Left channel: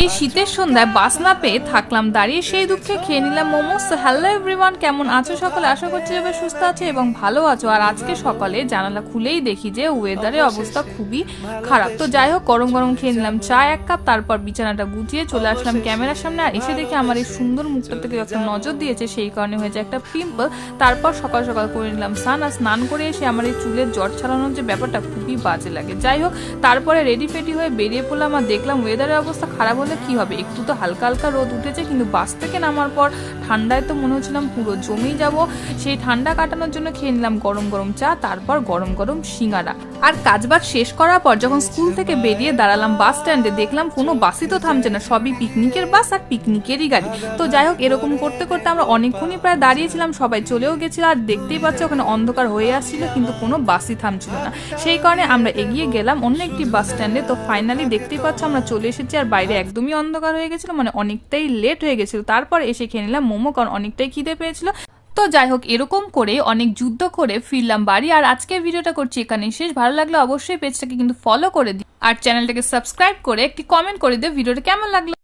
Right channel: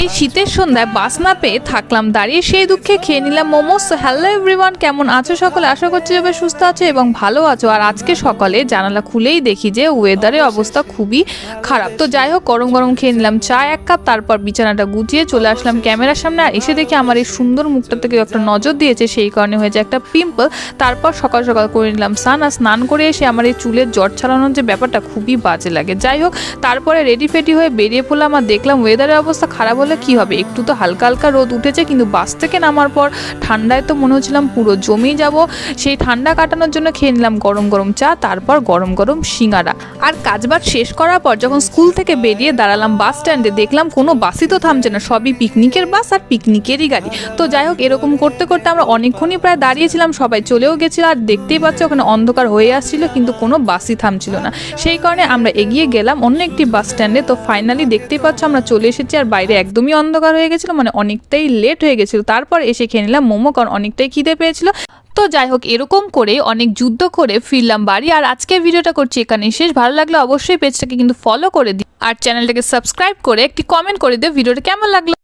এই শীতের সন্ধ্যায় বাস না পেয়ে থাকলাম দাঁড়িয়ে, সেই দুঃখে খেয়ে নিলাম মোমো। সো হ্যালো এভরিওয়ান, কেমন আছো সকলে? আশা করছি সবাই সুস্থ আছো এবং ভালো আছো। আর আজকে সকালে জানালা খুলেই দেখি যে ওয়েদারের অবস্থা খুবই খারাপ। তো যাই হোক, গরম গরম খেয়ে নিলাম চা 1 কাপ, তারপর বিছানাটা গুছিয়ে চলে আসলাম ক্যামেরার সামনে। আর এসে দেখি আমার এই সুন্দর মুখটা থেকে একটা নজর দিয়েছে, সেই কারণে হয়েছে একটা পিম্পল। তারপর সকাল সকাল করে নিলাম স্নান। আর স্নান করে এসে আমার এই চুলের জট ছাড়ানোর যে ব্যাপারটা খুবই বাজে লাগে। যাই হোক, তারপরে রেডি ফেডি হয়ে বেরিয়ে পড়লাম। আর দেখলাম ওয়েদারের অবস্থা খারাপ হলে কি হবে, একটু তো হালকা হালকা রোদ উঠেছে, কিন্তু বাস থেকে নামার পর ঠান্ডায় তো মনে হচ্ছিলাম পুরো জমেই যাব। সেই ঠান্ডা কাটানোর জন্য খেয়ে নিলাম গরম গরম চা, তারপর গরম গরম সিঙ্গারা। আর কাজবাজ শেষ করার পর যখন স্কুল থেকে বেরিয়ে দাঁড়ালাম বাস স্ট্যান্ডে, দেখলাম কোনো বাসই তো থামছে না, সবই পিকনিকের বাস আর পিকনিকেরই গাড়ি। তো যাই হোক, এরকম করতে করতে আমরা অনেকক্ষণই প্রায় দাঁড়িয়েছিলাম, সবাই চলেও গেছিল। আর দেখতেই পাচ্ছ ওখানে অন্ধকার হয়ে আসছিল, কিন্তু কোনো বাসই থামছিল না। সেই কারণে আমরা এগিয়ে গেলাম অন্য একটি বাস স্ট্যান্ডে। তো ফাইনালি দেখতেই পাচ্ছ আমরা চলে এসেছি। আর বাইরে একদমই অন্ধকার হয়ে গেছিল, মানে অনেকটাই লেট হয়ে গেছিল। তারপর এসে খেয়ে নিলাম মোমো, কারণ অনেকটাই খিদে পেয়েছিল। তো যাই হোক, এরকম করে অনেক যুদ্ধ করে ফিরলাম বাড়ি। আর আজকের ভিডিওটা করছি এখানে শেষ। ভালো লাগলে অবশ্যই পেজটাকে কিন্তু ফলো করে দিই, আর চ্যানেলটাকে সাবস্ক্রাইব করে একটি কমেন্ট করে দিও ভিডিওটা কেমন লাগলো।